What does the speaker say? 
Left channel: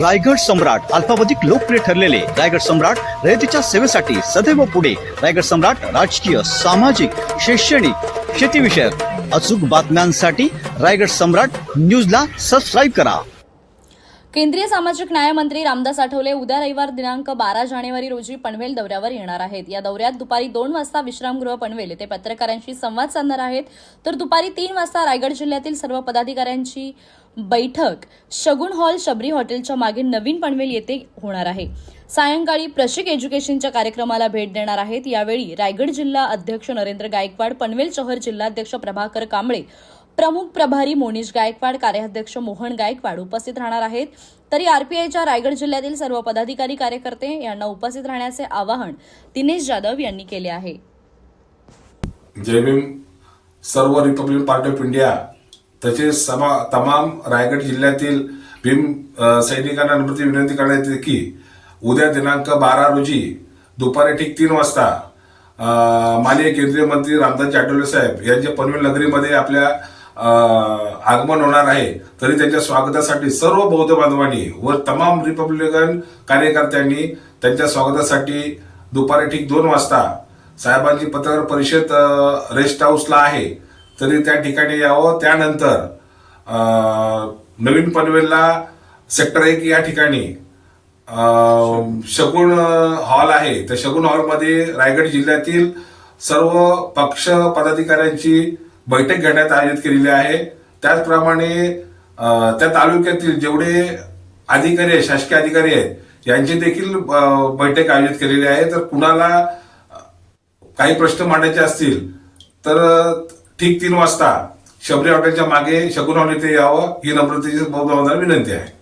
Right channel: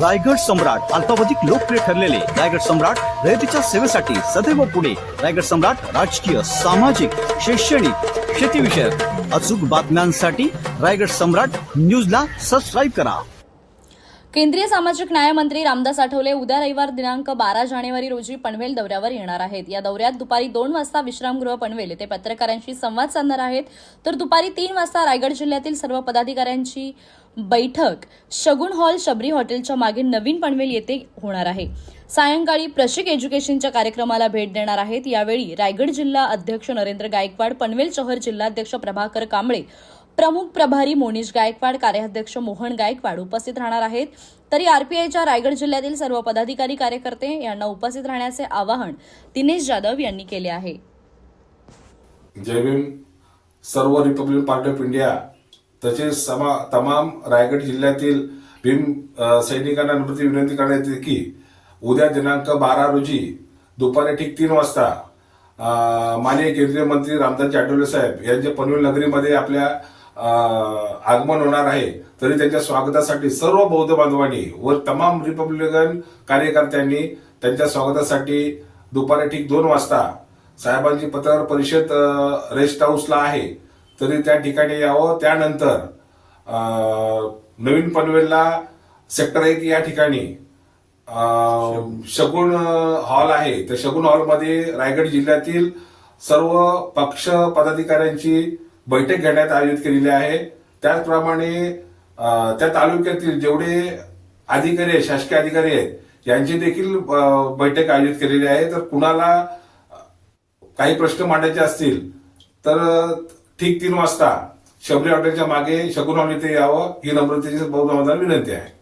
रायगड सम्राट अल्पावधिक लोकप्रिय ठरलेले रायगड सम्राट रयतेच्या सेवेसाठी सदैव पुढे. रायगड सम्राट राजकीय सामाजिक शैक्षणिक शेतीविषयक अचूक बातम्यांसाठी रायगड सम्राट न्यूजला सबस्क्राईब करा. केंद्रीय सामाजिक न्याय मंत्री रामदास आठवले उद्या रविवार दिनांक बारा जानेवारी रोजी पनवेल दौऱ्यावर येणार आहेत. या दौऱ्यात दुपारी दोन वाजता विश्रामगृह पनवेल येथे पत्रकारांशी संवाद साधणार आहेत. तर दुपारी तीन वाजता रायगड जिल्ह्यातील सर्व पदाधिकाऱ्यांची बैठक. शगुन हॉल शबरी हॉटेलच्या मागे नवीन पनवेल येथे होणार आहे. सायंकाळी प्रशिक एज्युकेशनच्या कार्यक्रमाला भेट देणार आहेत. यावेळी रायगड जिल्हा अध्यक्ष नरेंद्र गायकवाड पनवेल शहर जिल्हाध्यक्ष प्रभाकर कांबळे प्रमुख प्रभारी मोनिश गायकवाड कार्याध्यक्ष मोहन गायकवाड उपस्थित राहणार आहेत. तरी आरपीआयच्या रायगड जिल्ह्यातील सर्व पदाधिकारी कार्यकर्ते यांना उपस्थित राहण्याचे आवाहन दिनेश जाधव यांनी केले आहे. जय भीम. सर्व रिपब्लिक पार्टी ऑफ इंडिया तसेच समा तमाम रायगड जिल्ह्यातील भीम सैनिकांना नम्रती विनंती करण्यात येते की उद्या दिनांक बारा रोजी दुपारी ठीक तीन वाजता माननीय केंद्रीय मंत्री रामदास आठवले साहेब यांच्या पनवेल नगरीमध्ये आपल्या आगमन होणार आहे. तरी त्यांच्या स्वागतासाठी सर्व बौद्ध बांधवांनी व तमाम रिपब्लिकन कार्यकर्त्यांनी त्यांच्या स्वागतासाठी दुपारी ठीक दोन वाजता साहेबांची पत्रकार परिषद रेस्ट हाऊसला आहे. तरी त्या ठिकाणी यावं. त्यानंतर नवीन पनवेलला सेक्टर एक या ठिकाणी अ, शगुन हॉल आहे. त्या शगुन हॉलमध्ये रायगड जिल्ह्यातील सर्व पक्ष पदाधिकाऱ्यांची बैठक घेण्यात आयोजित केलेली आहे. त्याचप्रमाणे त्या तालुक्यातील जेवढे अधिकारी आहेत शासकीय अधिकारी आहेत यांची देखील बैठक आयोजित केलेली आहे. तर कुणाला काही प्रश्न मांडायचे असतील तर ठीक तीन वाजता शबरी हॉटेलच्या मागे शकुन हॉटेल इथे यावं ही नम्रतेची बौद्ध विनंती आहे.